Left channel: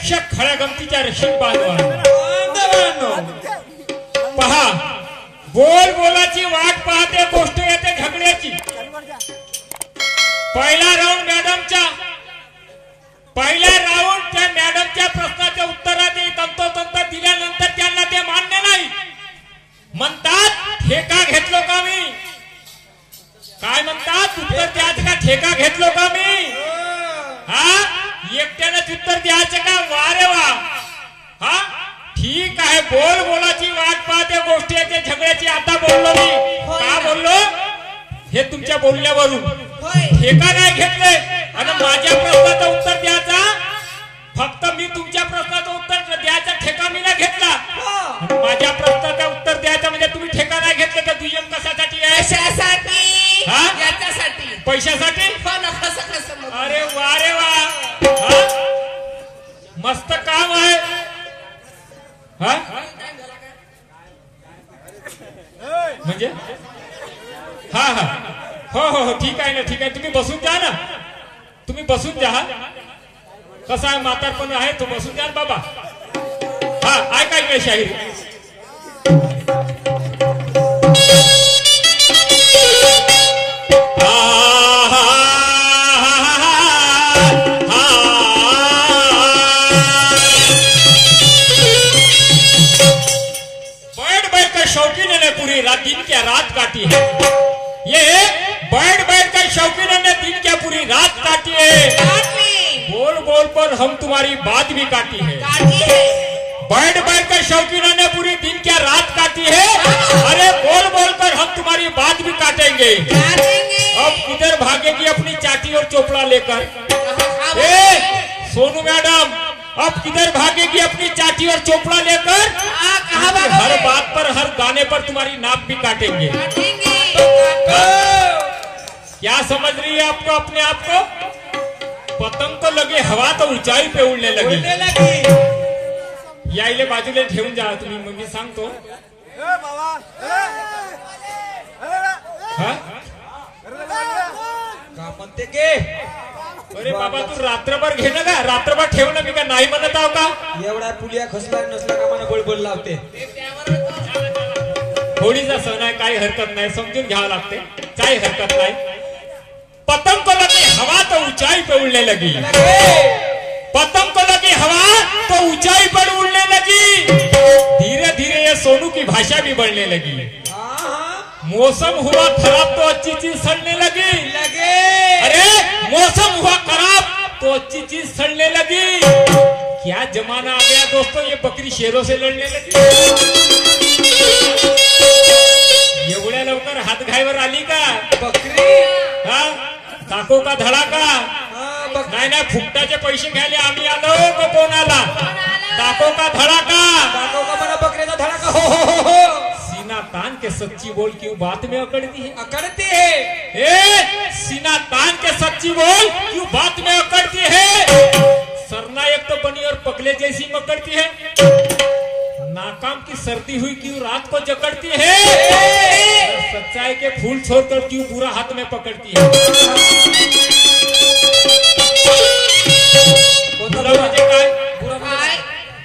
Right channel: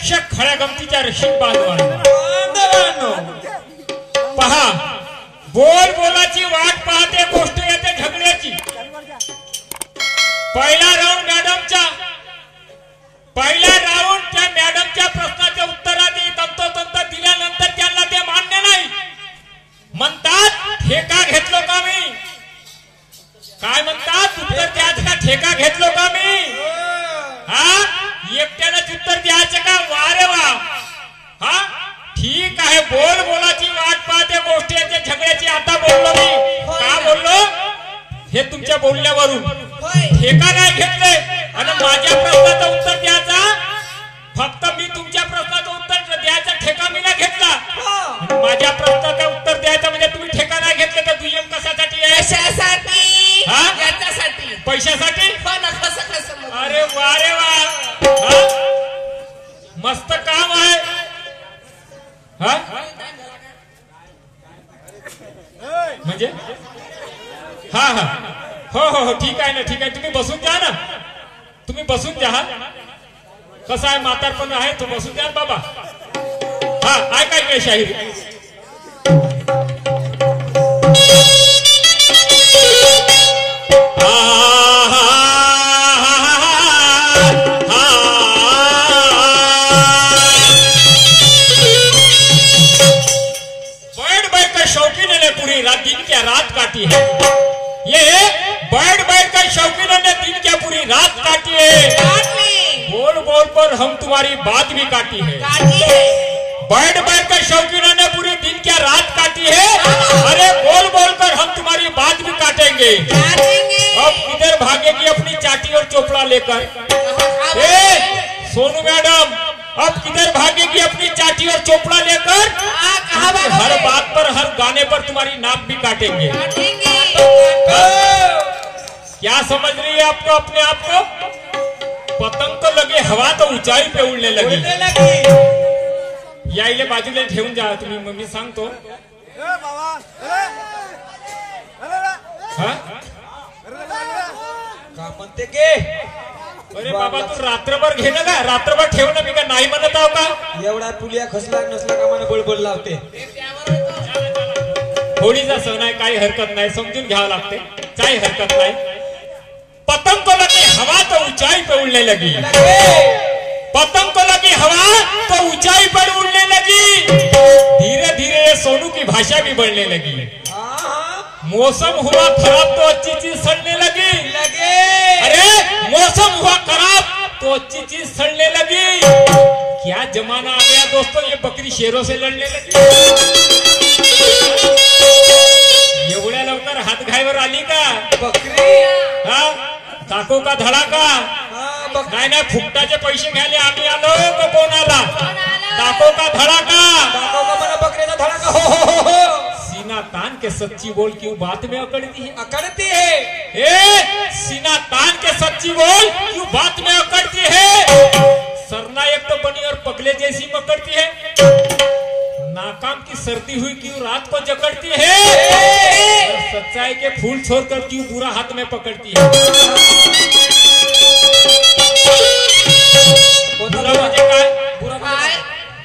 प्रत्यक्ष खऱ्या गमतीच्या रशीद बांधवांनो पहा, बोल बोलाची वाट पाहते, गोष्ट येते झगड्याची. पहिला राऊंड त्या मॅडमच्या प्रश्नाचे उत्तराने तंतोतंत दिल्यानंतर त्यांना ते मान्य नाही. म्हणतात ठेका घेतलो का मी? काय म्हणतात? उत्तर द्यायचं का? ठेका घेतलो का मी? हा, एकट्यानेच उत्तर द्यायचं का? वा रे वा. हा, ठीक आहे. बोल बोलाची वाट पाहते, गोष्टी येते झगड्याची. आता बोललो मी. का बोललो? हे तुमच्या बोलण्यावरून. ठेका नाही घेतले आणि माझ्या प्रश्नाचं उत्तर द्यायचा. फक्त मी तुमच्या प्रश्नाचं उत्तर द्यायचा ठेका मी नाही घेतला. माझ्या प्रश्नाचं उत्तर द्यायचं म्हणजे तुम्ही ठेका नाही घेतलं तर दुय्यम कशासाठी आहे? पैशासाठी. अरे वा रे वा, मस्त काम आहे. म्हणजे हा हा, हो हो हो, ठीक आहे ना, ठीक आहे. तुम्ही बसून जा ना, तुम्ही बसून जा. कसा आहे, म्हातारपण आहे तो, बसून द्या बाबा. हा, ऐकाय काय शाहीर. बैठ बैठ कर शौकीन ने पूरी रात दिन क्या रात काटी है. ये बैठ बैठ कर शौकीन ने दिन क्या पूरी रात काटी है. बोल बोल पर हम तुम्हारी बात भी काटी है. बैठ बैठ कर शौकीनों ने पूरी दिन क्या रात काटी है. अरे बोल बोल कर हम तुम्हारी बात भी काटेंगे. अब किधर भागेगी अपनी चाटी और चोपड़ा लेकर? सोनू मैडम, अब किधर भागेगी अपनी चाटी और चोपड़ा लेकर? हर बात पर, हर गाने पर तुम्हारी नाक भी काटेंगे. क्या समझ रही है आपको अपने आप को? पतंग तो लगे हवा तो ऊंचाई पे उड़ने लगी. यायले बाजूला ठेवून जा तुम्ही. मग मी सांगतो. का म्हणते गे? अरे बाबा, तू रात्रभर घे ना का? रात्रभर ठेव ना. मी का नाही म्हणत आहो का? एवढा पुलिया खसला नसला का मला बोलबोल लावते. होळीचा सण आहे, काही हरकत नाही, समजून घ्यावं लागते, काही हरकत नाही. पतंग को लगी हवा तो ऊंचाई पे उड़ने लगी. पतंग को लगी हवा तो ऊंचाई पर उड़ने लगी. धीरे धीरे ये सोनू की भाषा भी बढ़ने लगी. मौसम हुआ खराब तो अच्छी चीज सड़ने लगी. अरे मौसम हुआ खराब तो अच्छी चीज सड़ने लगी. क्या जमाना आ गया दोस्तों, ये बकरी शेरों से लड़ने लगी. एवढ्या लवकर हातघाईवर आली का बकरी? हा, टाको का धडाका. नाही नाही, फुकटाचे पैसे घ्यायला आम्ही आलो तो कोण आला? टाको का धडाका. टाको का मला बकरीचा धडाका. हो हो हो हो. सीना तान के सच्ची बोल क्यों बात में अकड़ती है? अकड़ती है. सीना तान के सच्ची बोल क्यों बात में अकड़ती है. सरना एक तो बनी और पगले जैसी मकड़ती है. नाकाम की सर्दी हुई क्यों रात को जकड़ती है. सच्चाई के फूल छोड़कर क्यों बुरा हाथ में पकड़ती है.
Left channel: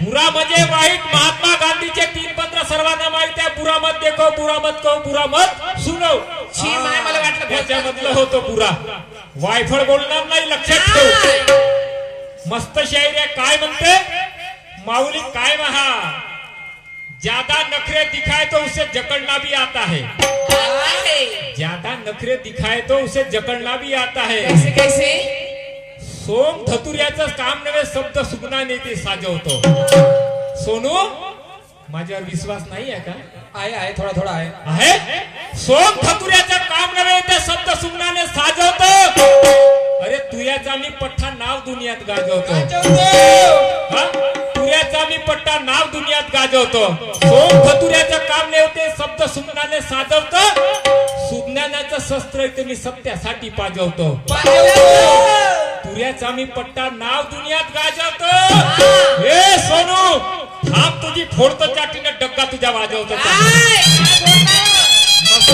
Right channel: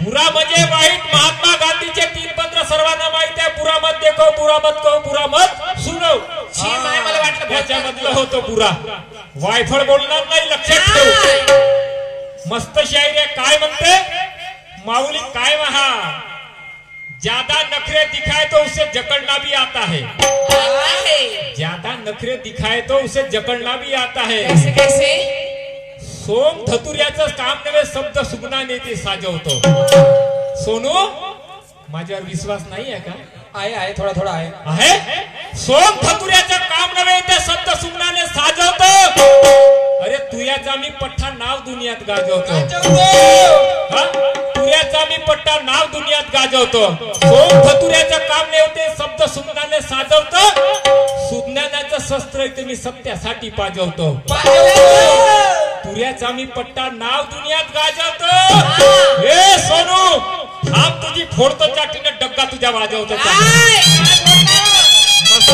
बुरा म्हणजे वाईट. महात्मा गांधीचे 3 पत्र सर्वांना माहिती आहे. बुरा मत देखो, बुरा मत कहो, बुरा मत सुनो. मला वाटलं त्याच्यामधलं होतो बुरा. वायफळ बोलणार नाही, लक्षात ठेव. मस्त शायरी आहे. काय म्हणते माऊली, काय महा, ज्यादा नखरे दिखाए तो उसे जकड़ना भी आता है. ज्यादा नखरे दिखाए तो उसे जकड़ना भी आता है. कैसे? सोम धतुर्याचं काम नव्हे, शब्द सुगनाने ते साजवतो. सोनू, माझ्यावर विश्वास नाही आहे का? आहे, थोडा थोडा आहे. आहे. सोम धतुर्याचं काम नव्हे, ते शब्द सुगनाने साजवतो. अरे तुझ्याचा मी पठ्ठा नाव दुनियात गाजवतो. तुझ्याचा मी पट्टा नाव दुनियात गाजवतो. सोम धतुर्याचं काम नाही होते, शब्द सुगनाने साजवतो. सुज्ञानाचं शस्त्र आहे ते मी सत्यासाठी पाजवतो. तुझ्याचा मी पट्टा नाव दुनियात गाजवतो. हे सोनू, थांब, तुझी फोडतो चाटीने डग्गा तुझ्या वाजवतो. मस्त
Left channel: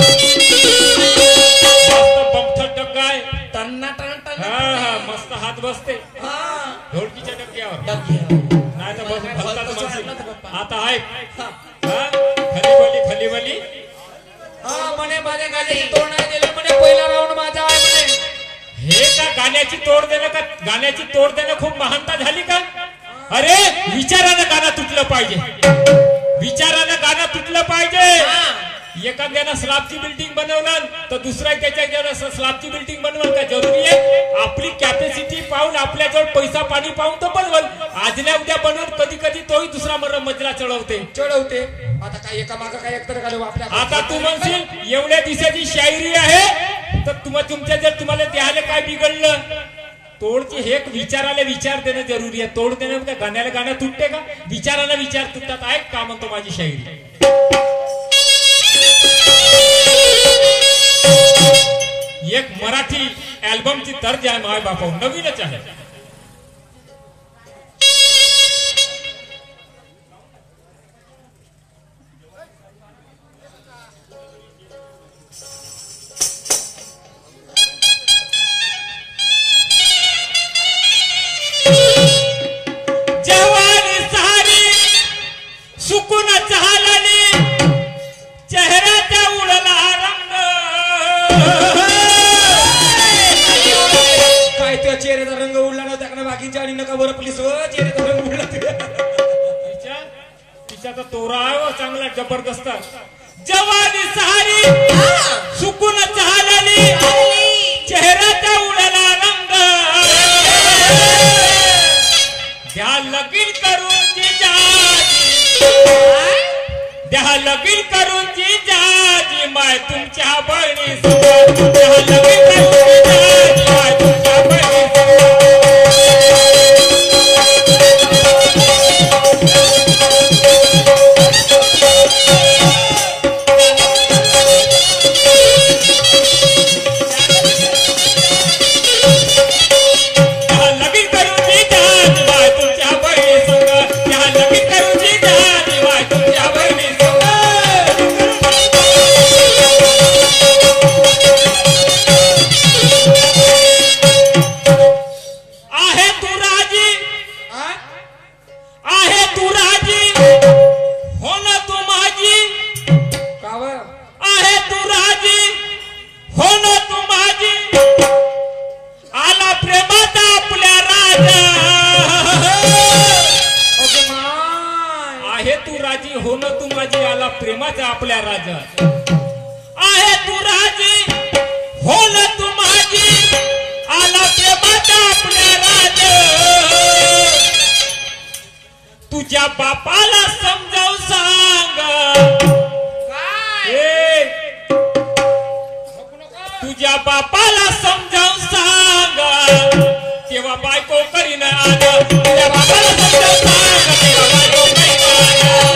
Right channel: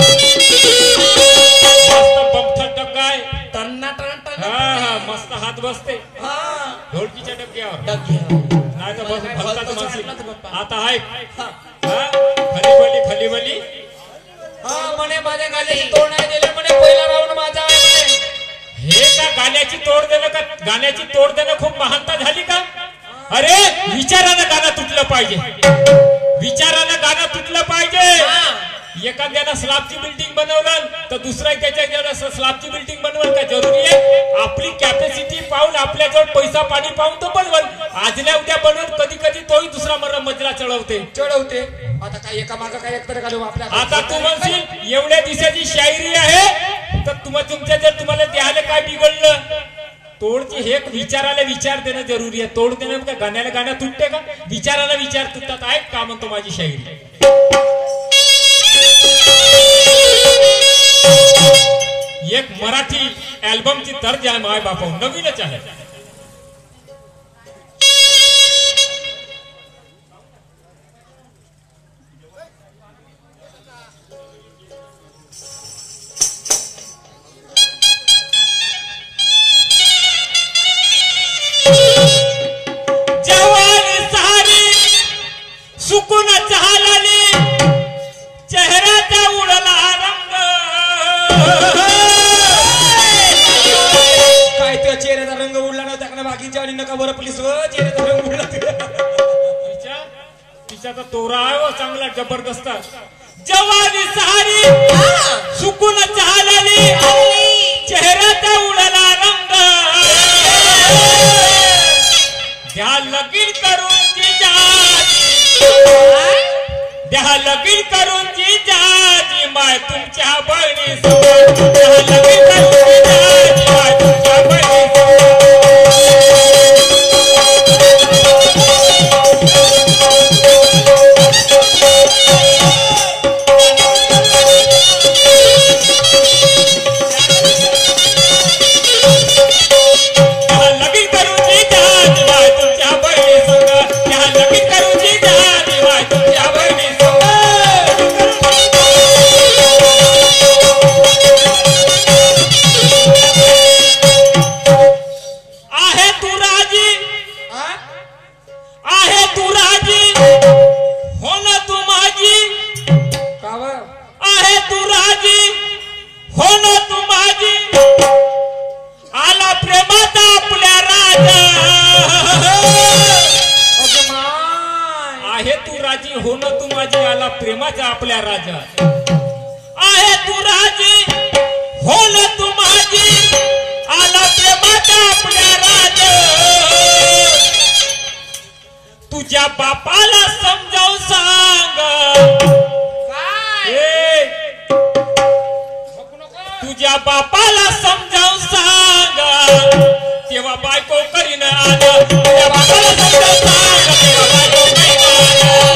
बमठा डग्गा आहे. टन्ना टन. हा, मस्त हात बसते हा ढोलकीच्या डबक्यावर डबक्यावर. नाही तर भक्ताचं म्हणशील. आता ऐक हा. खाली बली हा म्हणे माझ्या गाण्याची तोड नाही दिलं म्हणे पहिला राऊंड माझा आहे म्हणे. हे का गाण्याची तोड देणं का गाण्याची तोड देणं खूप महानता झाली का? अरे विचारानं गाणं तुटलं पाहिजे, विचारानं गाणं तुटलं पाहिजे. एखाद्यानं स्लॅबची बिल्डिंग बनवलं तर दुसरा त्याच्या स्लॅबची बिल्डिंग बनवलं का जरुरी आहे? आपली कॅपॅसिटी पाहून आपल्याजवळ पैसा पाणी पाहून तो बनवल. आजल्या उद्या बनवून कधी कधी तोही दुसरा मजला चढवते. आता काय एका मागं काय एकतर घालू आपल्या. आता तू म्हणशील एवढ्या दिवसाची शायरी आहे तर तुमच्या जर तुम्हाला द्यायला काय बिघडलं? तोडची हे विचाराला विचार देणं जरुरी आहे. तोड देणं का गाण्याला गाणं तुटते का? विचाराला विचार तुटतात. ऐक का म्हणतो माझी शायरी. एक मराठी अल्बमची दर्ज आहे माय बापा, नवीनच आहे. जवानी सारी सुकून झालेली, चेहऱ्याचा उडला रंग. काय त्या चेहऱ्याचा रंग उडला नाही त्या बाकीच्या आणि नका बरं प्लीज चेहऱ्याचा रंग उडला. तिचा तर तोरा आहे चांगला जबरदस्त. जवानी सारी सुकून झालेली, चेहऱ्याचा उडला रंग. द्या लगीन करून द्या लगीन करून जिजाजी माय तुमच्या बहिणी. द्या लगीन करून जिजाजी माय तुमच्या बहिणी. प्रेमाचा आपल्या राजा आहे तू राजी, हो ना तू माझी, आला प्रेमाचा आपल्या राजा. तुझ्या बापाला समजावून सांग, तुझ्या बापाला समजावून सांग, तेव्हा बायको करीन आलं. तुझ्या बापाला समजावून सांग, तेव्हा बायको करीन आलं.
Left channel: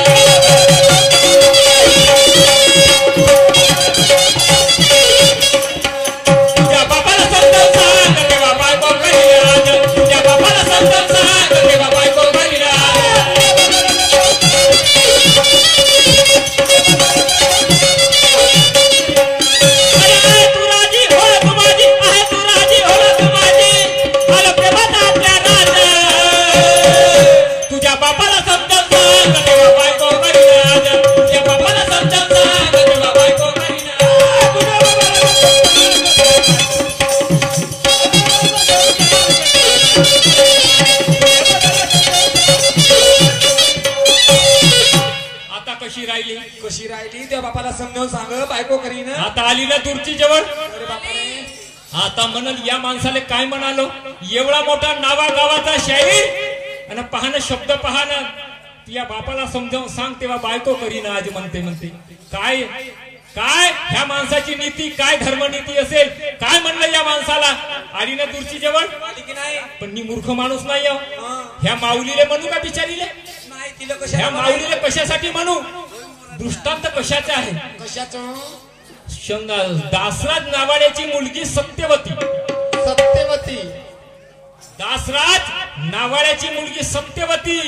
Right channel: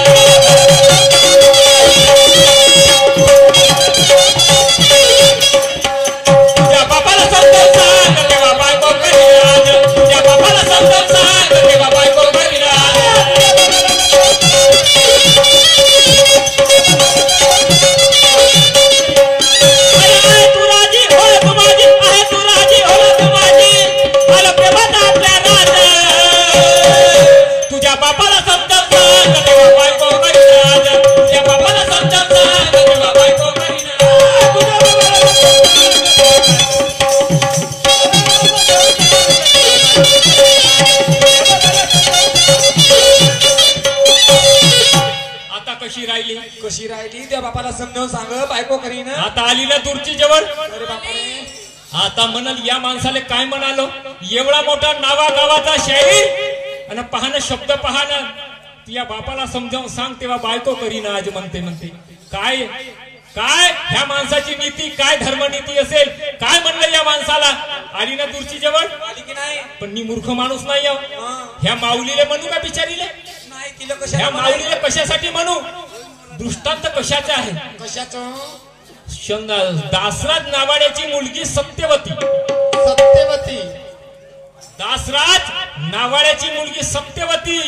कशी राहिली त्या बापाला समजावून सांग, बायको करीन. आता आली ना दूरची जवळ. अरे बापरे, आता म्हणाल या माणसाला काय म्हणालो, एवढा मोठा नावा गावाचा शाहीर आणि पाहणं शब्द पाहणं. या बापाला समजावून सांग तेव्हा बायको करीन आज म्हणते. काय काय ह्या माणसाची नीती, काय धर्मनीती असेल? काय म्हणलं या माणसाला? आली ना दूरची जवळ. की नाही, पण मी मूर्ख माणूस नाही. ह्या माऊलीले म्हणू का बिचारीले? नाही, तिला ह्या माऊलीले कशासाठी म्हणू? दृष्टांत कशाचा आहे? कशाचं? दासराज नावाड्याची मुलगी सत्यवती. सत्यवती. दासराज नावाड्याची मुलगी सत्यवती.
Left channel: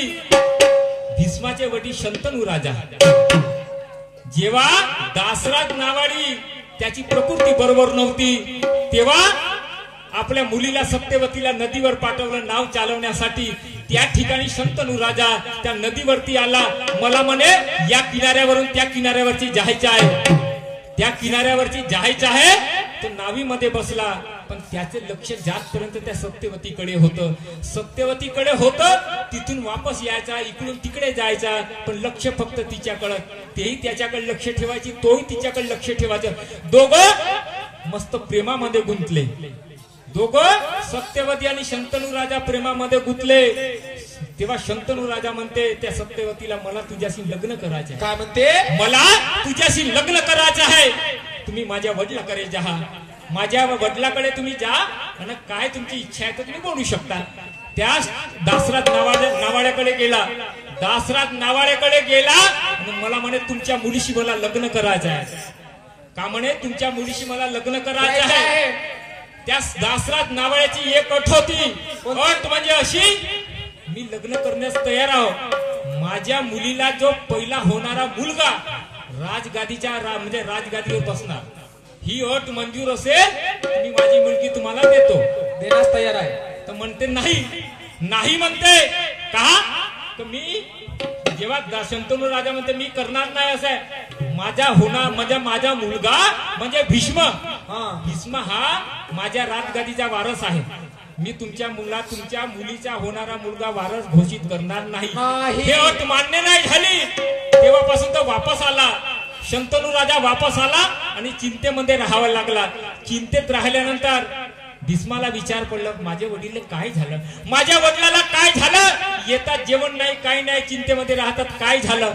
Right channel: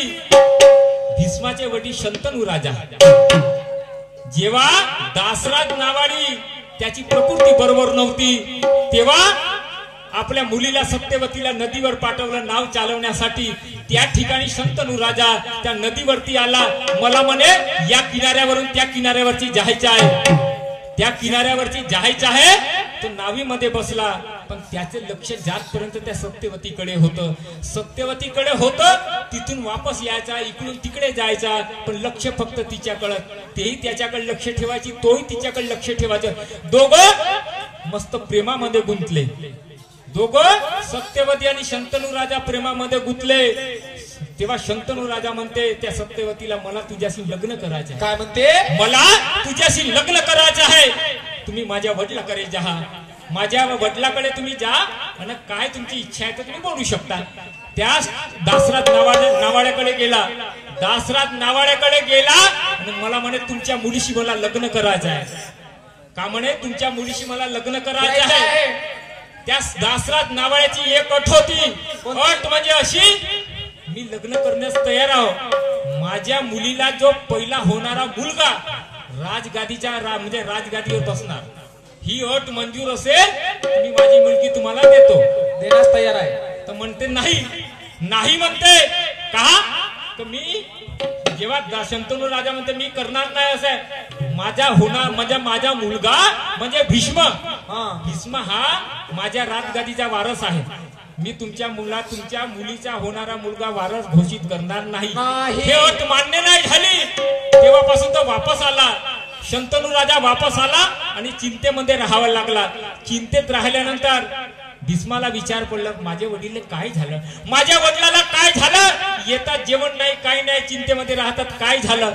भीष्माचे वडील शंतनू राजा. जेव्हा दासराज नावाडी त्याची प्रकृती बरोबर नव्हती तेव्हा आपल्या मुलीला सत्यवतीला नदीवर पाठवलं नाव चालवण्यासाठी. त्या ठिकाणी शंतनू राजा त्या नदीवरती आला. मला म्हणे या किनाऱ्यावरून त्या किनाऱ्यावरची जायचं आहे, त्या किनाऱ्यावरची जायचं आहे. तो नावीमध्ये बसला, पण त्याचे लक्ष जातपर्यंत त्या सत्यवतीकडे होतं. सत्यवतीकडे होतं, तिथून वापस यायचा, इकडून तिकडे जायचा, पण लक्ष फक्त तिच्याकडं. तेही त्याच्याकडे लक्ष ठेवायची, तोही तिच्याकडे लक्ष ठेवायचं. दोघं मस्त प्रेमामध्ये गुंतले. दोघं सत्यवती आणि शंतनू राजा प्रेमामध्ये गुंतले. तेव्हा शंतनू राजा म्हणते त्या सत्यवतीला, मला तुझ्याशी लग्न करायचं आहे. काय म्हणते? मला तुझ्याशी लग्न करायचं आहे. तुम्ही माझ्या वडिलाकडे जा, माझ्या वडिलाकडे तुम्ही जा आणि काय तुमची इच्छा आहे तर तुम्ही बोलू शकता. त्या दासराज नावाड्याकडे गेला. दासराज नावाड्याकडे गेला आणि मला म्हणे तुमच्या मुलीशी मला लग्न करायचं आहे. का म्हणे तुमच्या मुलीशी मला लग्न करायचं आहे. त्या दासराज नावाड्याची एक अट होती. अट म्हणजे अशी, मी लग्न करण्यास तयार आहो. माझ्या मुलीला जो पहिला होणारा मुलगा राजगादीच्या म्हणजे राजगादीवर बसणार, ही अट मंजूर असेल तर मी माझी मुलगी तुम्हाला देतो. देण्यास तयार आहे. तर म्हणते नाही, नाही म्हणते. का तर मी जेव्हा शंतनू राजा म्हणते मी करणार नाही असं आहे. माझा मुलगा म्हणजे भीष्म. भीष्म हा माझ्या राजगादीचा वारस आहे. मी तुमच्या मुलीचा होणारा मुलगा वारस घोषित करणार नाही. हे अट मान्य नाही झाली. तेव्हापासून तो वापस आला. शंतनू राजा वापस आला आणि चिंतेमध्ये राहावं लागला. चिंतेत राहिल्यानंतर भीष्माला विचार पडला, माझे वडील काय झालं, माझ्या वडिलाला काय झालं, येतात जेवण नाही काही नाही, चिंतेमध्ये राहतात, काय झालं.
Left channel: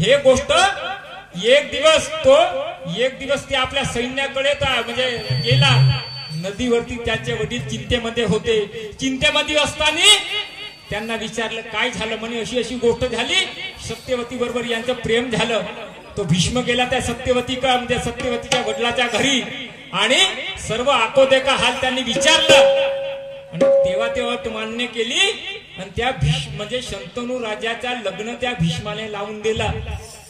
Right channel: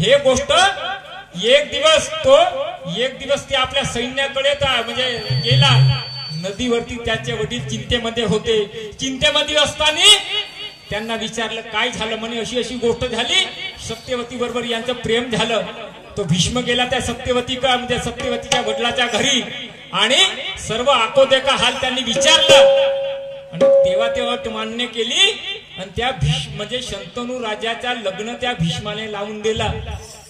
हे गोष्ट एक दिवस ते आपल्या सैन्याकडे म्हणजे गेला. नदीवरती त्याचे वडील चिंतेमध्ये होते. चिंतेमध्ये असताना त्यांना विचारलं काय झालं. म्हणे अशी अशी गोष्ट झाली, सत्यवती बरोबर यांचं प्रेम झालं. तो भीष्म गेला त्या म्हणजे सत्यवतीच्या वडिलाच्या घरी आणि सर्व आकोदेका हाल त्यांनी विचारलं आणि तेव्हा ते अट मान्य केली आणि त्या म्हणजे शंतनू राजाच्या लग्न त्या भीष्माने लावून दिला.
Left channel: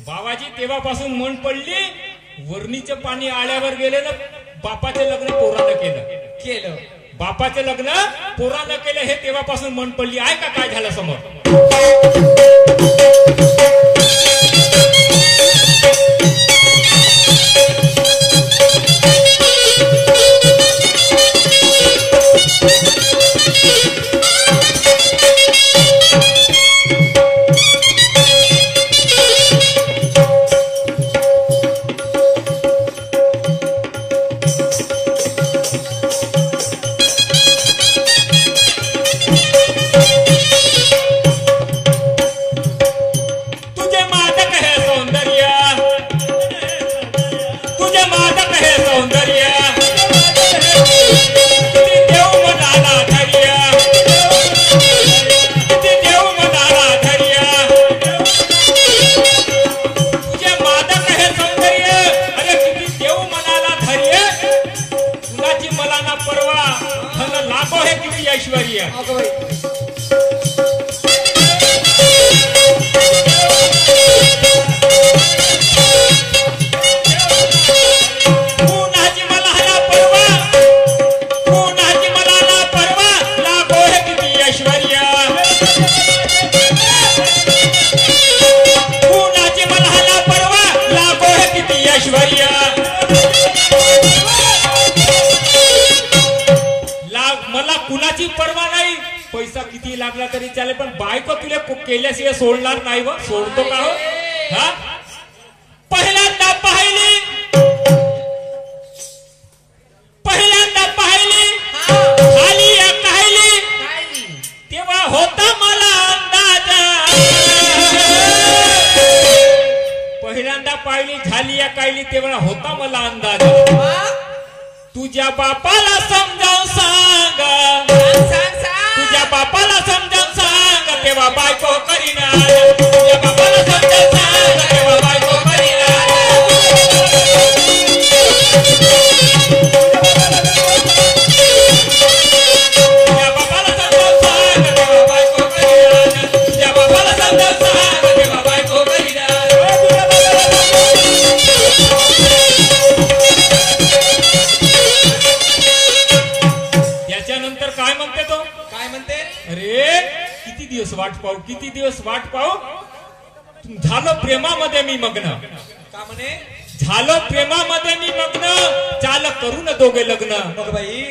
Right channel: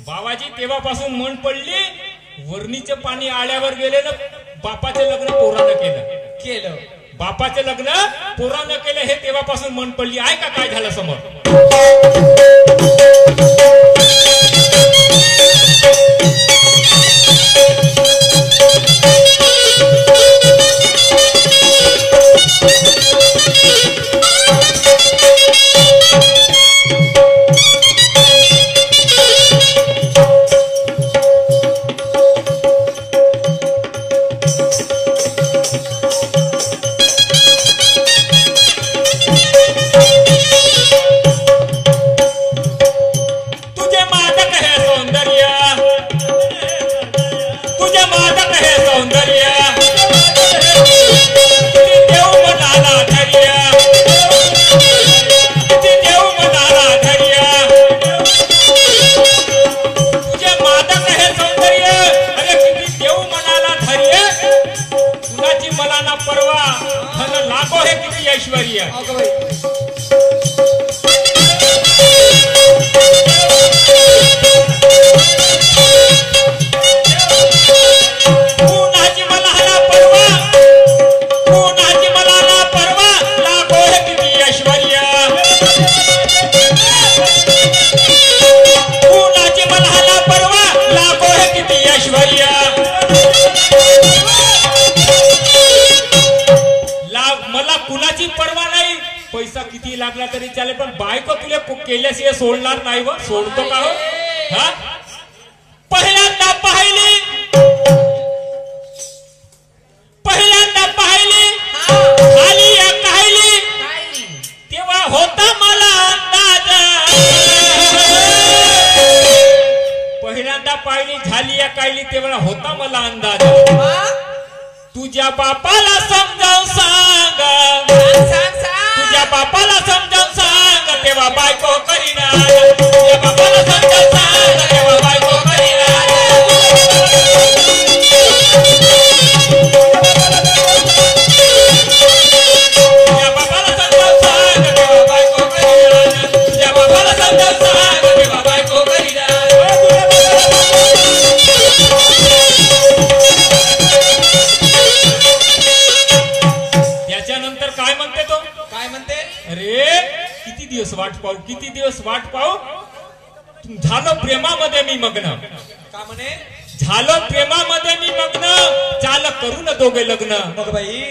बाबाजी तेव्हापासून मन पडली, वरणीचे पाणी आळ्यावर गेले ना, बापाचं लग्न पोरानं केलं. बापाचं लग्न पोरानं केलं हे तेव्हापासून मन पडली. ऐका काय झालं समोर. पैसा किती लागला तरी चालेल, पण बायको तुला केल्याशिवाय सोडणार नाही. व सोडतो का हो? हा, पहिल्यांदा पाहिली खाली या काहिली, तेव्हा होता मला अंदाज. पहिल्यांदा पाहिली झाली या काहिली तेव्हा होता मला अंदाज. तुझ्या बापाला समजावून सांग, तुझ्या बापाला समजावून सांग, तेव्हा बायको करीना. तुझ्या बापाला समजावून सांग, तेव्हा बायको करीना. तुझ्या बापाला समजावून सांग, तेव्हा बायको करीना. तुझ्या बापाला समजावून सांग, तेव्हा बायको करीना. वाट पाहू, किती दिवस वाट पाहू. झालं प्रेमामध्ये मी मग्न, का म्हणे झालं प्रेमामध्ये मी मग्न, चाल करू न दोघे लग्न. मग बाई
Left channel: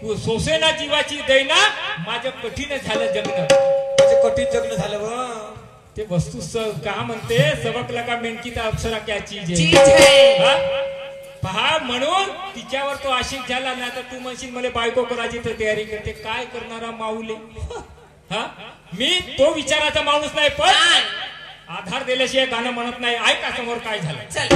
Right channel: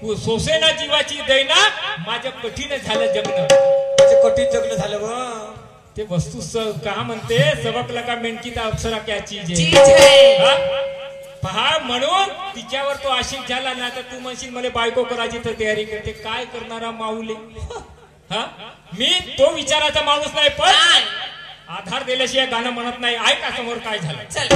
तू सोसेना जीवाची दैना, माझं कठीण झालं जगणं. त्याचे कठीण जगणं झालं व ते वस्तू का म्हणते, सबकला का मेंढकीचा अप्सरा क्या चीज चीज आहे. है. हा? पहा, म्हणून तिच्यावर तो आशिक झाला ना, तर तू म्हणशील मला बायको करायची तर तयारी करते. काय करणारा माऊले. हा, मी तो विचाराचा माणूस नाही, पण आधार दिल्याशिवाय गाणं म्हणत नाही. ऐका समोर काय झालं. चल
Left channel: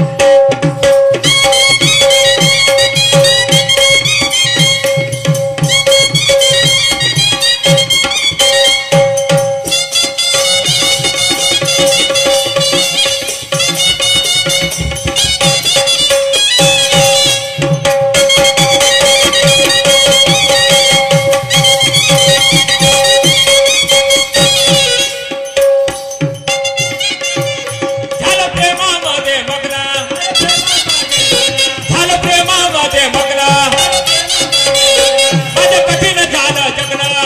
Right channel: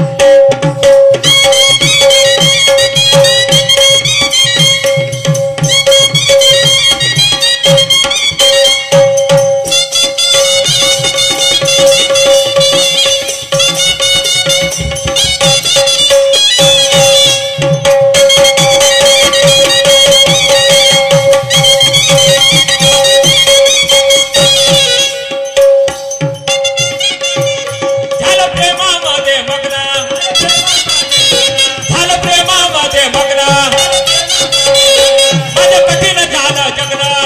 झालं प्रेमामध्ये मग्न, झालं प्रेमामध्ये मग्न, माझं कठीण झालं जगणं,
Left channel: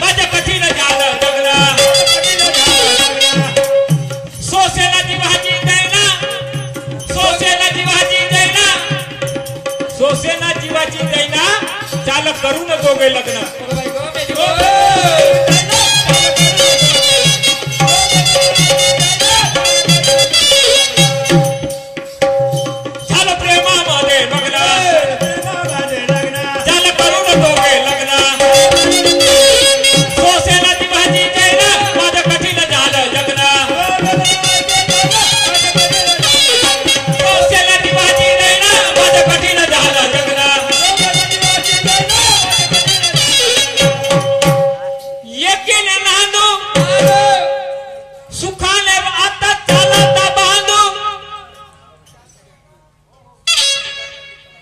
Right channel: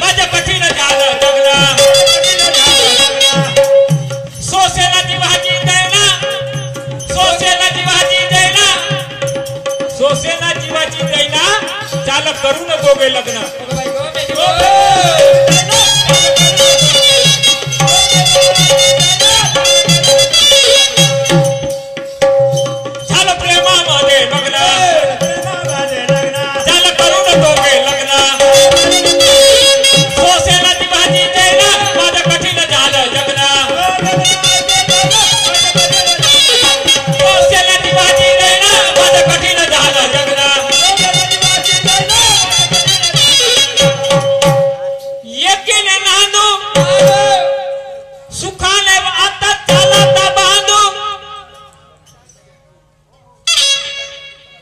माझं कठीण झालं जगणं. सोसेला जीवाची दैना, सोसेला जीवाची दैना, सोसेला जीवाची दैना, चाल करू न दोघे लग्न. मग बाई गो, मेली गो. झालं प्रेमामध्ये मग्न, झालं करून दोघे लग्न. सोसेला जीवाची दैना, माझं कठीण झालं जगणं. सोसेला जीवाची दैना, माझं कठीण झालं जगणं. एकीने नांदू, सुखाने आता चालता बांधू,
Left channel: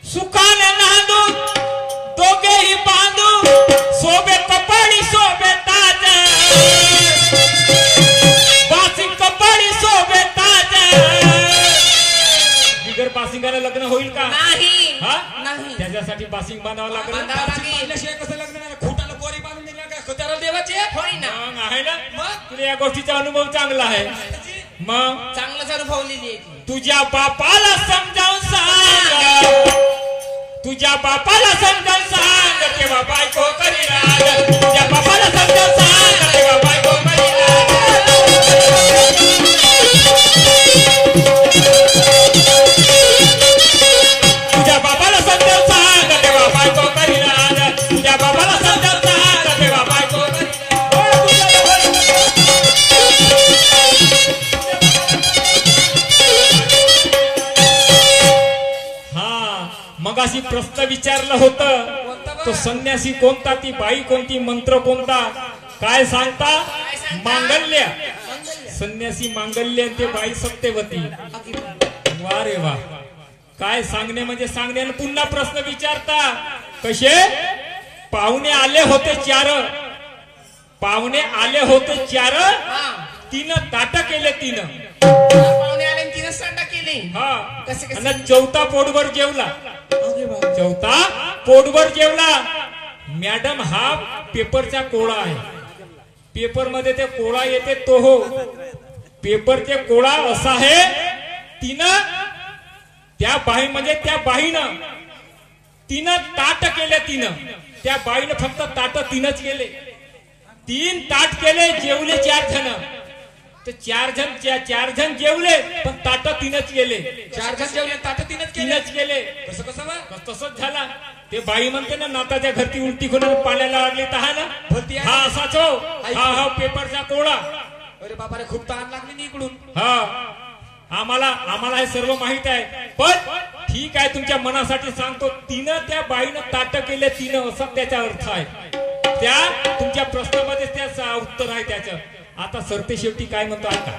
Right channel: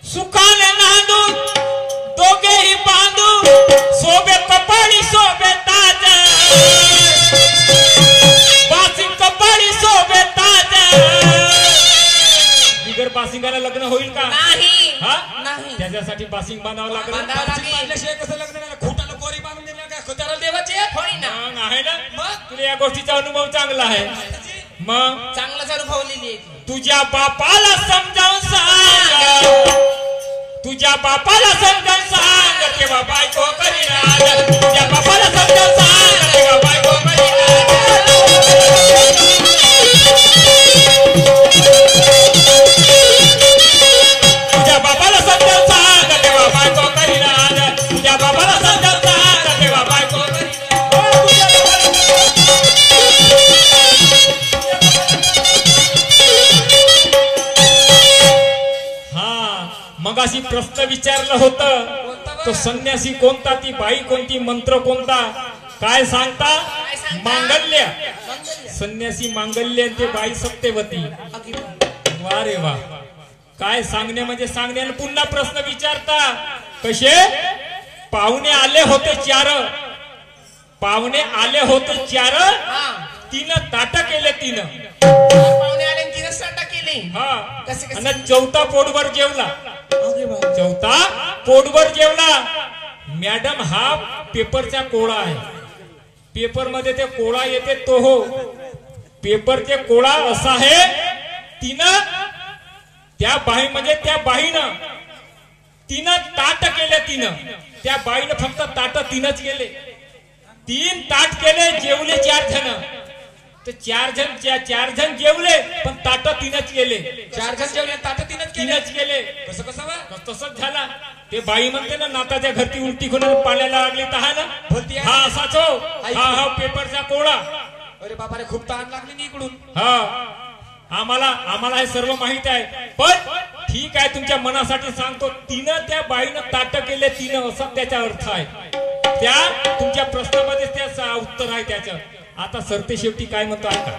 सुखाने नांदू दोघेही बांधू, सोबे कपाळी सोबे ताज, बासी कपाळी सोबे ताज. बिगर बासिंगाला लग्न होईल का. नाही हा, नाही. त्याच्यासाठी बासिंग बांधावं लागलं. बांधावं लागेल. बांधल्याशिवाय कसं लग्न नाही. खोटाला कोरी बांधून दिला काय खतारा देवाची होय ना. मग आहे ना, मग तुला या गोष्टीचा अनुभव चांगला आहे. मग चांगलाच अनुभवलेली आहे ती. तुझ्या बापाला समजावून सांग, तुझ्या बापाला समजावून सांग, तेव्हा बायको करीनार. तुझ्या बापाला समजावून सांग, तेव्हा बायको करीनार. तुझ्या बापाला समजावून सांग, तेव्हा बायको करीनार. तुझ्या बापाला समजावून सांग, तेव्हा बायको मगाशी प्रश्न विचारलं होतं, तो संन्यासी कोणता, ती बाई कोणती, मंत्र कोणता, काय सांगता. मांगल्य, संन्यासी मांगल्य, ते बाई सत्यवती. वा रे वा, काय सांगणे म्हणजे सांगणे. आणि पुन्हा प्रश्न विचारता कसे. पाहुणे आले होते चार, पाहुणे आले होते चार, तिनं ताट केले तिनं. पाहुणे आले आणि तिनं संडा केली. हा, कसं कसं. आणि चौथा पोटभर जेवला. चौथा पोटभर जेवला. मॅडम हा पेपरचा कोळा आहे. पेपर मध्ये ते कोळा येते तो हो, पेपरचे कोळा असा आहे. तिनं त्या बाई म्हणजे त्या बाईनं तिनं ताट केले. तिनं त्या बाईनं फक्त ताट तीनच केले. 3 ताट केले, जेवले 4 जण. ते 4 जण जेवले, पण ताट तीनच केले. 4 जण जेवले ताट तीनच केले. कसं कसं बा. तसंच झाला. ते बाई म्हणते ना, नाताच्या घरती उलटी करून पाण्याला लागली तर हा ना, भरती आहे. हा असाच हो. हा पेपरचा कोळा. अरे बाबा रे, खूप ताण लागली नी इकडून. हा, आम्हाला हे सर्व माहित आहे. पण ठीक आहे, तुमच्या मनासाठी सांगतो. तिनं त्या बाईनं ताट केले, तिनं असा त्याचा अर्थ आहे. त्या तुमच्या प्रश्नामध्ये त्याचं उत्तर आहे त्याचं. आता सरते शेवटी काय म्हणतो आता.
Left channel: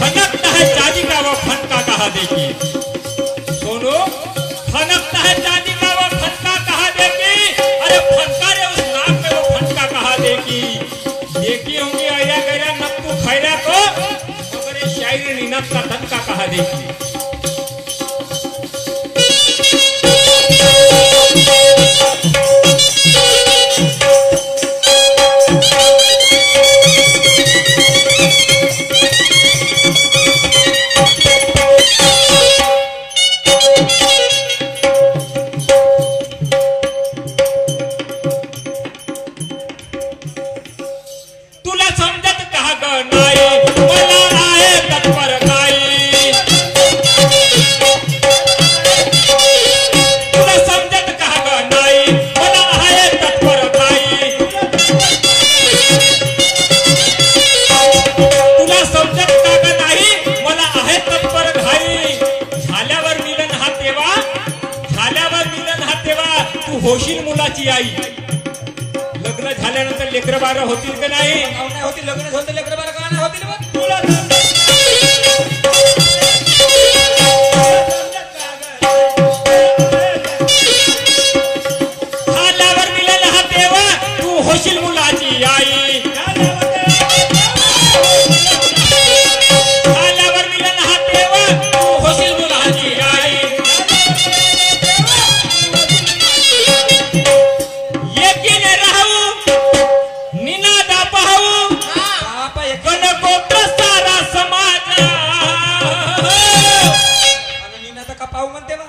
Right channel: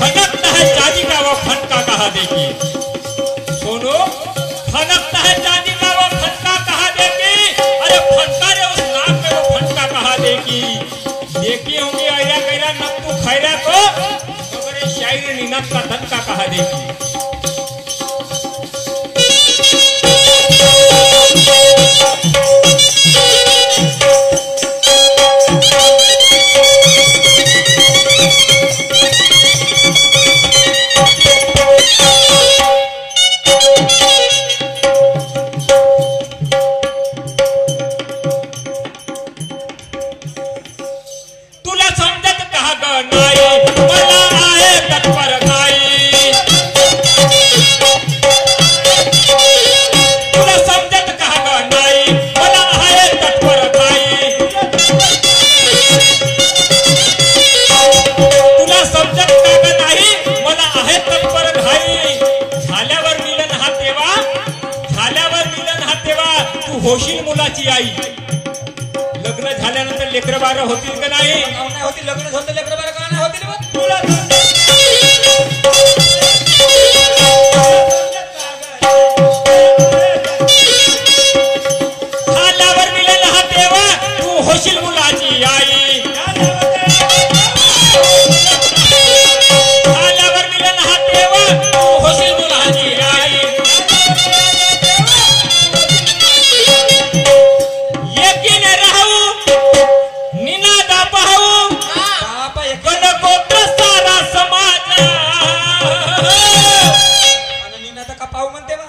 फनकता है चांदी का वो फनका कहा देखिए. सोनो, फनकता है चांदी का वो फनका कहा देखिए. अरे फनका जो उस नाक में वो देखी देखी होंगी आया गया न तू खैरा को मगर शायर निनत का धक्का कहा देखी तुला समजत का ग नाही मला आहे तत्पर नाही तुला समजत का ग नाही मला आहे तत्पर नाही तुला समजत का ग नाही मला आहे तत्पर नाही झाल्यावर मिलन हा तेव्हा तू होशील मुलाची आई लग्न झाल्यानंतर लेकरं बारं होतील का नाही नाही होती लग्न झालं तर लेकरं बाळं का नाही होतील बा? तुला झाल्यावर मिळेल हा तेव्हा तू होशील मुलाची आई झाल्यावर मिळेल हा तेव्हा तू होशील मुलाची आई एकीने राहू निनादा पाहू बापा एक गणगोत्र सारा समाज आणि नीना तर का पाहू म्हणते बा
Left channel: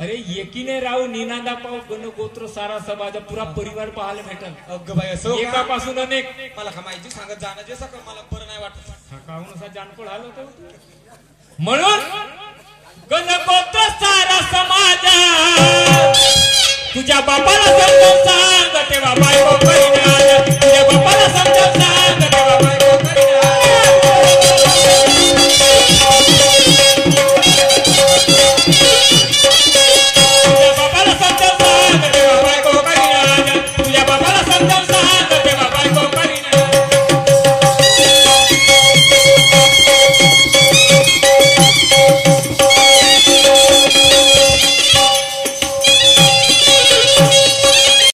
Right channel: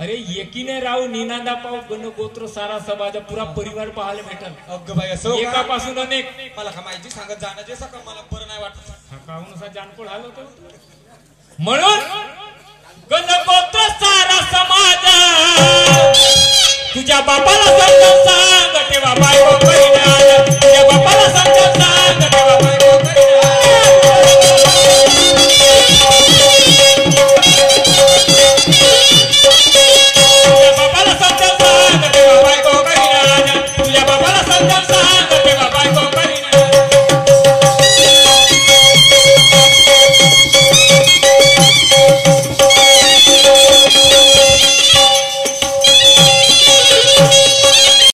अरे एकीने राहू निनादा पाहू गणगोत्र सारा समाज पुरा परिवार पाहायला भेटल अगं बाई असं का? एकापासून अनेक मला का माहिती सांगत जाणं जे सका मला बरं नाही वाटत काहून असा जानकोळ आलो होतो म्हणून गणगोत्र सारा समाज तुझ्या बापाला समजून सांग तेव्हा बायको परिणाम तुझ्या बापा